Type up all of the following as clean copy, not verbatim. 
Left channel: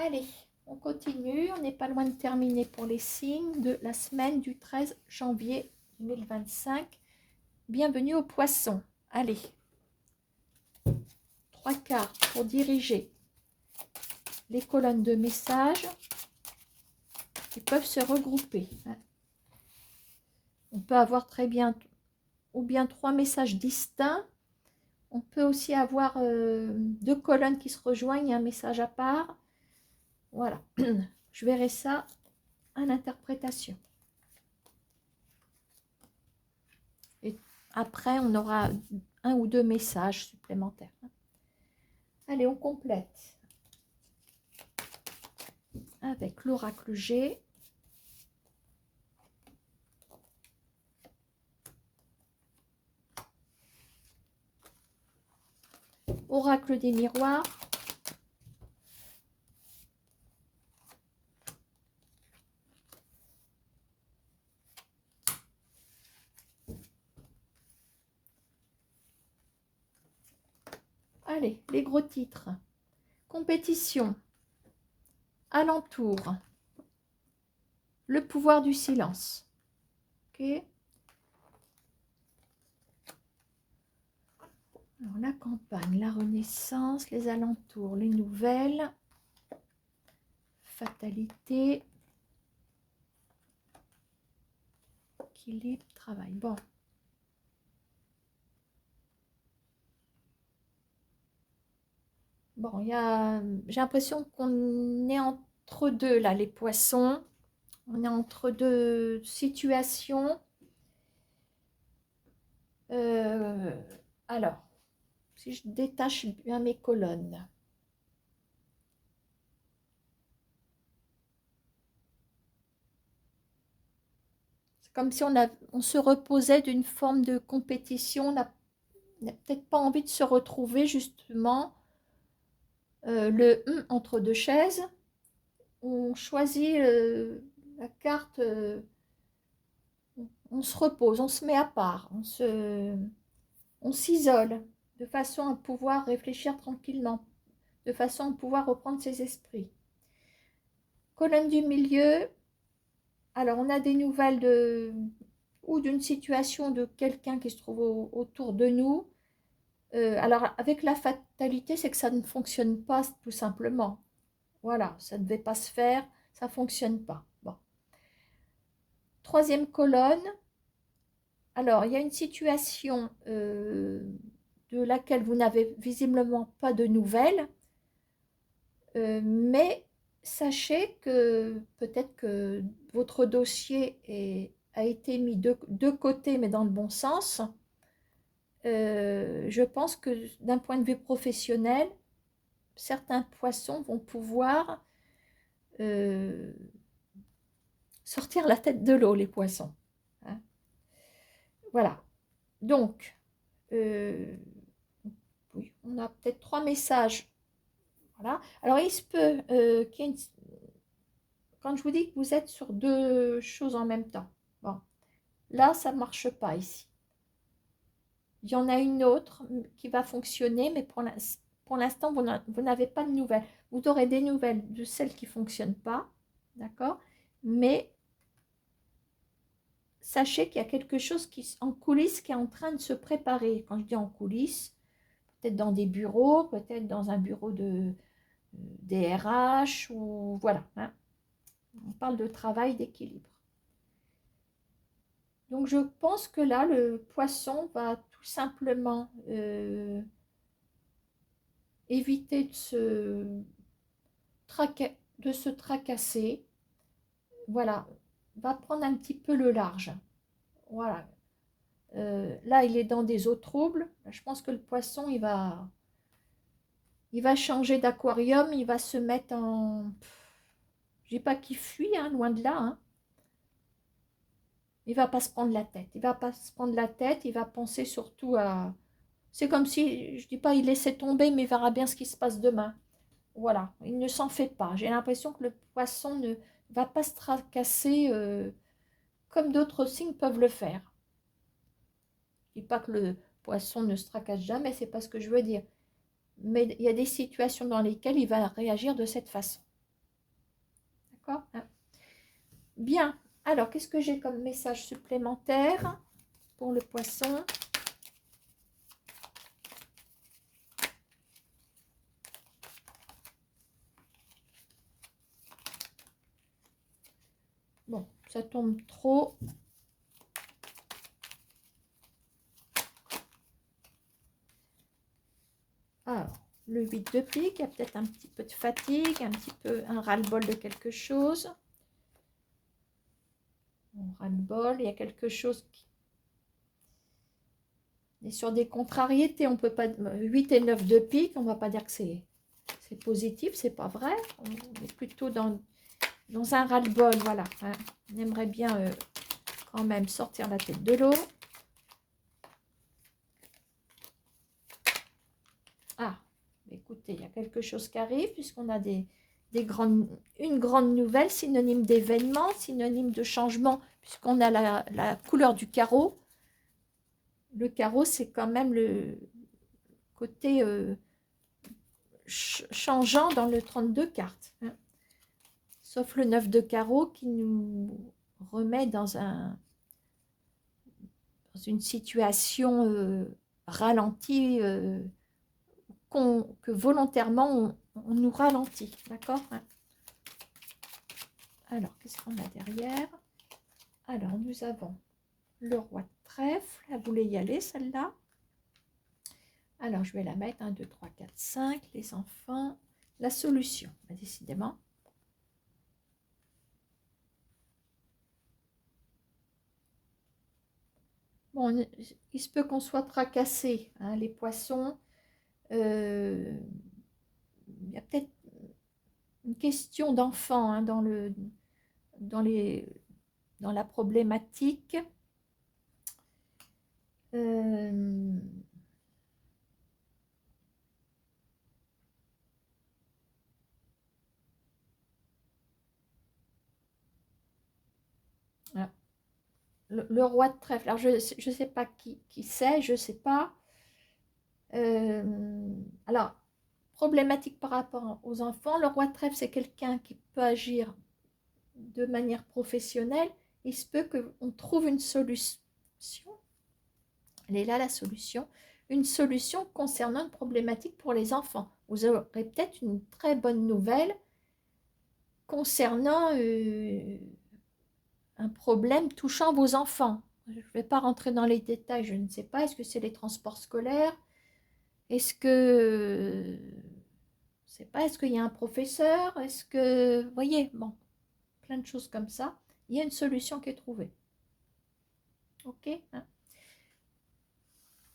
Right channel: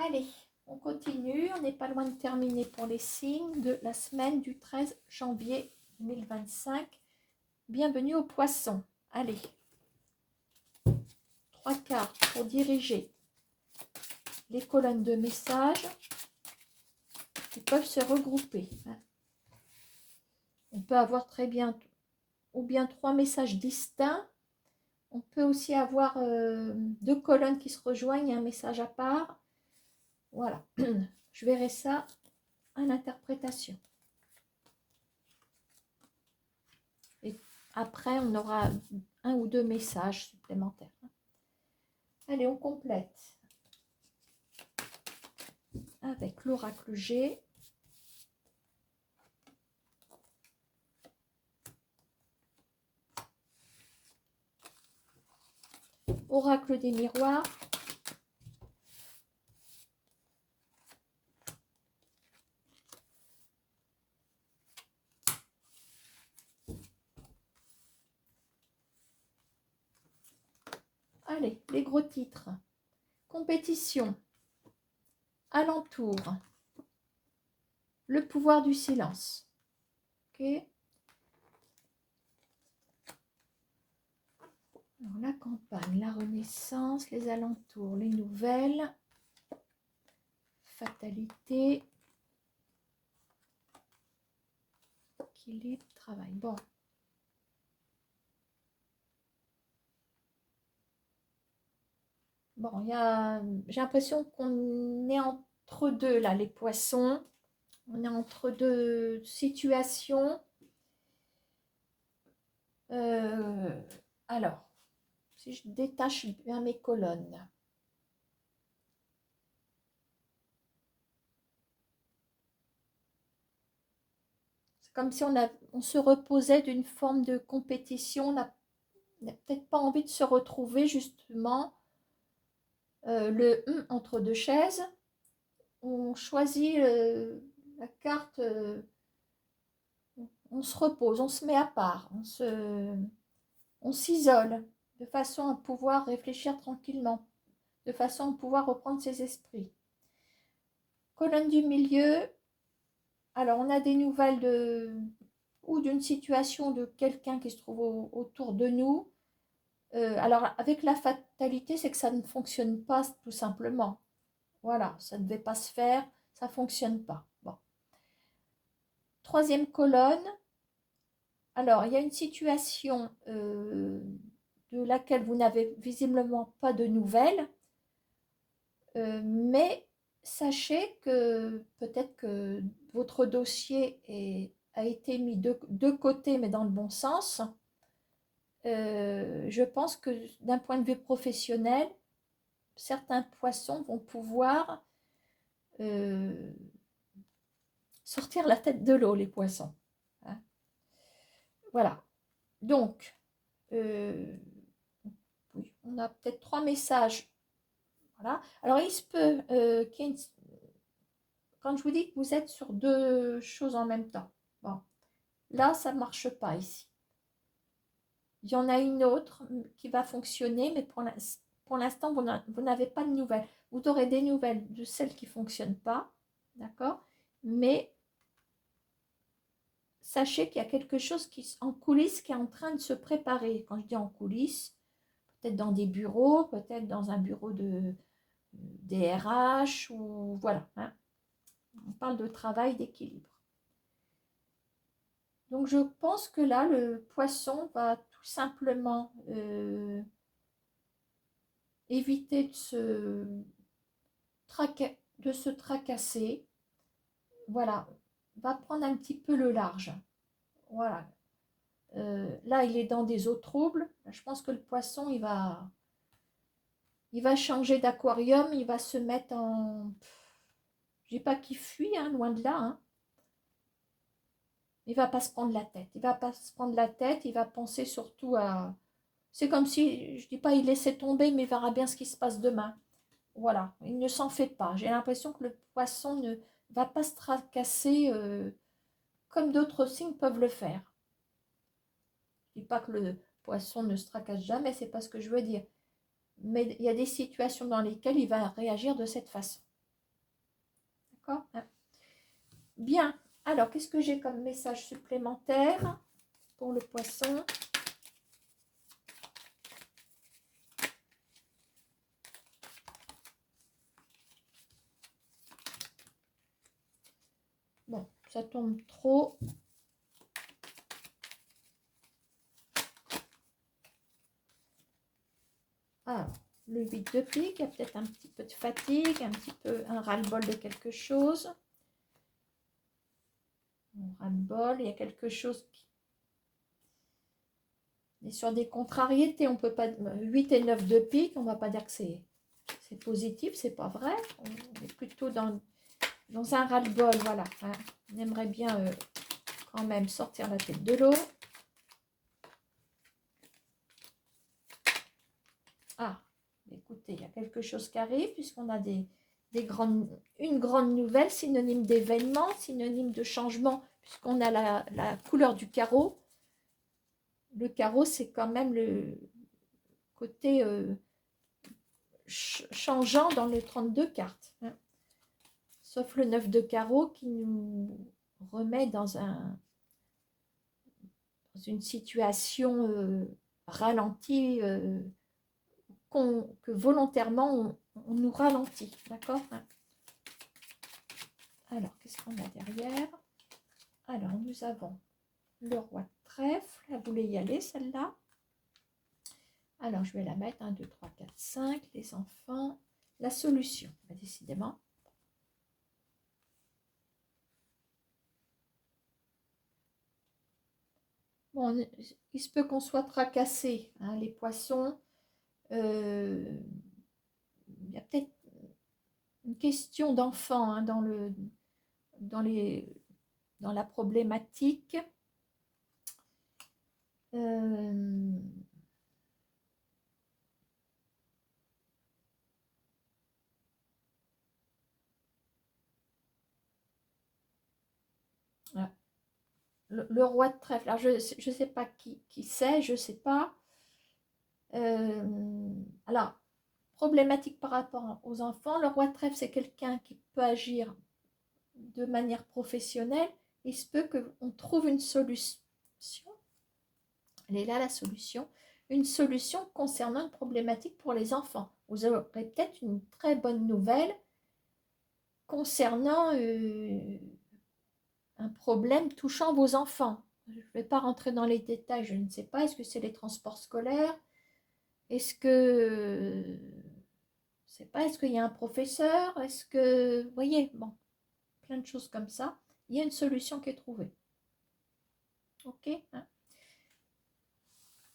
Allez, on continue. On n'est pas loin de terminer pour les signes de la semaine du 13 janvier 2025. Bienvenue aux poissons. Allez, 3 cartes pour diriger les colonnes de messages qui peuvent se regrouper. On peut avoir très bien ou bien 3 messages distincts. On peut aussi avoir 2 colonnes qui se rejoignent, un message à part. Voilà, je verrai ça à l'interprétation. Et après, on aura 1 ou 2 messages supplémentaires. Allez, on complète avec l'oracle G. Oracle des miroirs. Allez, les gros titres. Compétition. Alentour. Le pouvoir du silence. Ok. Alors, la campagne, la renaissance, les alentours, les nouvelles. Fatalité. Équilibre, travail. Bon. Bon, j'ai l'impression qu'on est entre deux, là, les poissons. On est entre deux situations. Alors, si je détache bien mes colonnes. C'est comme si on se reposait d'une forme de compétition. On n'a peut-être pas envie de se retrouver, justement, le entre deux chaises. On choisit la carte, on se repose, on se met à part, on s'isole de façon à pouvoir réfléchir tranquillement, de façon à pouvoir reprendre ses esprits. Colonne du milieu, alors on a des nouvelles ou d'une situation de quelqu'un qui se trouve autour de nous. Alors avec la fatalité, c'est que ça ne fonctionne pas tout simplement. Voilà, ça ne devait pas se faire, ça ne fonctionne pas. Bon. Troisième colonne, alors il y a une situation de laquelle vous n'avez visiblement pas de nouvelles, mais sachez que peut-être que votre dossier a été mis de côté, mais dans le bon sens. Je pense que d'un point de vue professionnel, certains poissons vont pouvoir sortir la tête de l'eau, les poissons. Hein. Voilà. Donc, oui, on a peut-être 3 messages. Voilà. Alors, il se peut qu'il y ait quand je vous dis que vous êtes sur 2 choses en même temps. Bon, là, ça ne marche pas ici. Il y en a une autre qui va fonctionner, mais pour l'instant, vous n'avez pas de nouvelles. Vous aurez des nouvelles de celles qui ne fonctionnent pas, d'accord? Mais sachez qu'il y a quelque chose en coulisses qui est en train de se préparer. Quand je dis en coulisses, peut-être dans des bureaux, peut-être dans un bureau des RH, ou voilà. Hein. On parle de travail, d'équilibre. Donc je pense que là, le poisson va tout simplement éviter de se tracasser. Voilà, va prendre un petit peu le large. Voilà. Là, il est dans des eaux troubles. Je pense que le poisson, il va changer d'aquarium. Il va se mettre en... Je dis pas qu'il fuit, hein, loin de là. Hein. Il va pas se prendre la tête. Il va pas se prendre la tête. Il va penser surtout à... C'est comme si, je dis pas il laissait tomber, mais il verra bien ce qui se passe demain. Voilà, il ne s'en fait pas. J'ai l'impression que le poisson ne va pas se tracasser comme d'autres signes peuvent le faire. Je ne dis pas que le poisson ne se tracasse jamais, c'est pas ce que je veux dire. Mais il y a des situations dans lesquelles il va réagir de cette façon. D'accord, hein. Bien. Alors, qu'est-ce que j'ai comme message supplémentaire pour le poisson? Bon, ça tombe trop. Alors, le 8 de pique, il y a peut-être un petit peu de fatigue, un petit peu un ras-le-bol de quelque chose. Un ras-le-bol, il y a quelque chose qui est sur des contrariétés. On peut pas 8 et 9 de pique, on ne va pas dire que c'est positif, c'est pas vrai. On est plutôt dans un ras-le-bol, voilà. Hein. On aimerait bien quand même sortir la tête de l'eau. Ah, écoutez, il y a quelque chose qui arrive puisqu'on a une grande nouvelle, synonyme d'événement, synonyme de changement, puisqu'on a la couleur du carreau. Le carreau, c'est quand même le côté changeant dans le 32 cartes. Hein. Sauf le 9 de carreau qui nous remet dans une situation ralentie, que volontairement on nous ralentit. D'accord, hein. Alors, qu'est-ce qu'on a derrière? Alors, nous avons le roi de trèfle. Elle voulait y aller, celle-là. Alors, je vais la mettre. 1, 2, 3, 4, 5. Les enfants. La solution, décidément. Bon, il se peut qu'on soit tracassé, hein, les poissons. Il y a peut-être une question d'enfant hein, dans la problématique. Le roi de trèfle. Alors, je ne sais pas qui c'est, je ne sais pas. Alors, problématique par rapport aux enfants. Le roi de trèfle, c'est quelqu'un qui peut agir de manière professionnelle. Il se peut qu'on trouve une solution. Elle est là, la solution. Une solution concernant une problématique pour les enfants. Vous aurez peut-être une très bonne nouvelle concernant un problème touchant vos enfants. Je ne vais pas rentrer dans les détails, je ne sais pas. Est-ce que c'est les transports scolaires? Est-ce que... je ne sais pas, est-ce qu'il y a un professeur? Est-ce que... Vous voyez, bon, plein de choses comme ça. Il y a une solution qui est trouvée. Ok, hein.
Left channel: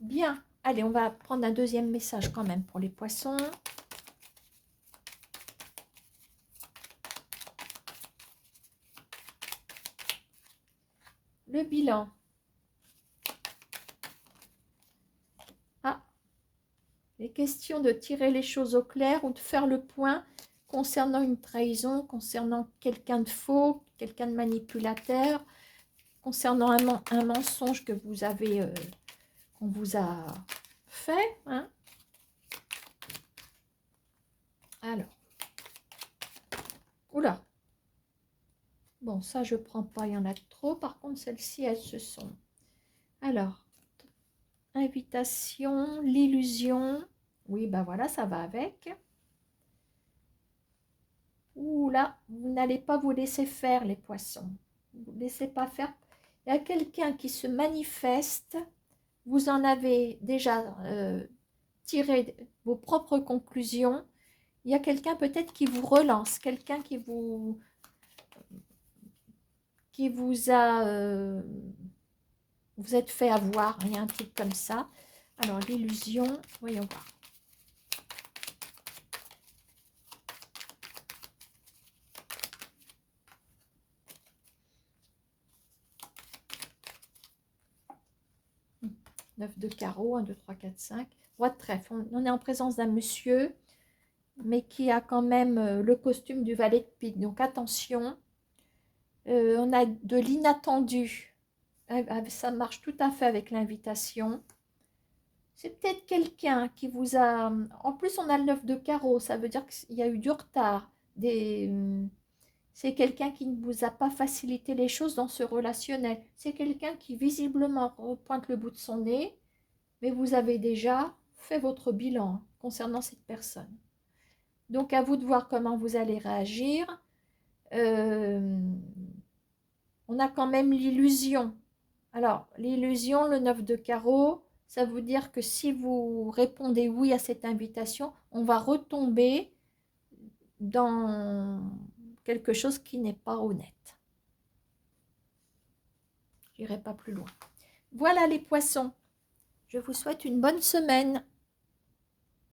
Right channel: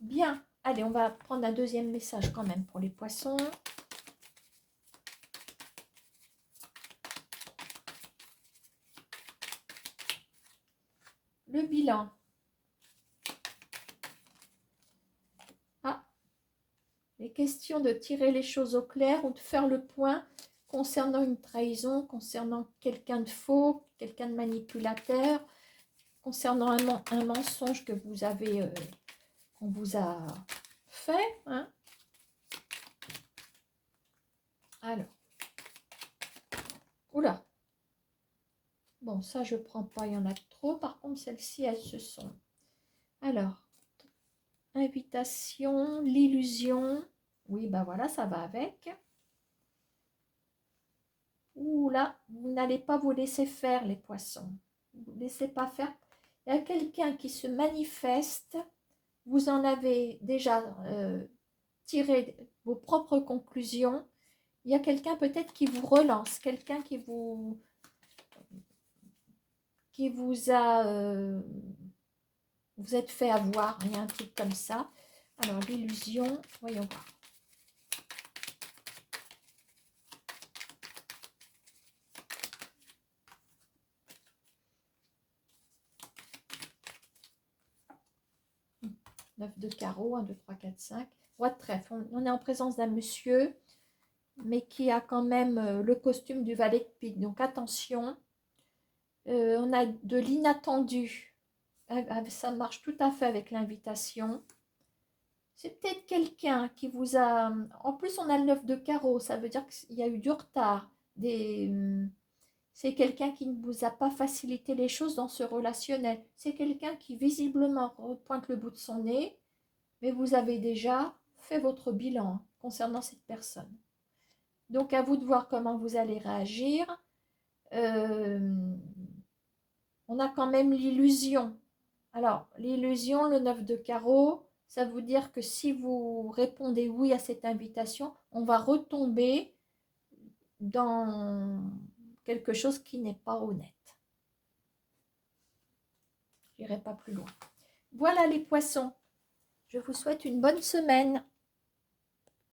Bien. Allez, on va prendre un deuxième message quand même pour les poissons. Le bilan. Ah, les questions de tirer les choses au clair ou de faire le point concernant une trahison, concernant quelqu'un de faux, quelqu'un de manipulateur, concernant un mensonge que vous avez, qu'on vous a fait. Hein. Alors, oula. Bon, ça, je ne prends pas, il y en a trop. Par contre, celles-ci, elles se sont. Alors, invitation, l'illusion. Oui, ben voilà, ça va avec. Ouh là, vous n'allez pas vous laisser faire, les poissons. Vous ne laissez pas faire. Il y a quelqu'un qui se manifeste. Vous en avez déjà tiré vos propres conclusions. Il y a quelqu'un peut-être qui vous relance, quelqu'un qui vous a... vous êtes fait avoir, il y a un truc comme ça. Alors, l'illusion, voyons voir. Neuf de carreau, 1, 2, 3, 4, 5. Roi de trèfle. On est en présence d'un monsieur, mais qui a quand même le costume du valet de pique. Donc, attention. On a de l'inattendu. Ça marche tout à fait avec l'invitation. C'est peut-être quelqu'un qui vous a... En plus, on a le 9 de carreau. Ça veut dire qu'il y a eu du retard. C'est quelqu'un qui ne vous a pas facilité les choses dans ce relationnel. C'est quelqu'un qui visiblement pointe le bout de son nez, mais vous avez déjà fait votre bilan concernant cette personne. Donc à vous de voir comment vous allez réagir. On a quand même l'illusion. Alors, l'illusion, le 9 de carreau, ça veut dire que si vous répondez oui à cette invitation, on va retomber dans quelque chose qui n'est pas honnête. Je n'irai pas plus loin. Voilà les poissons. Je vous souhaite une bonne semaine.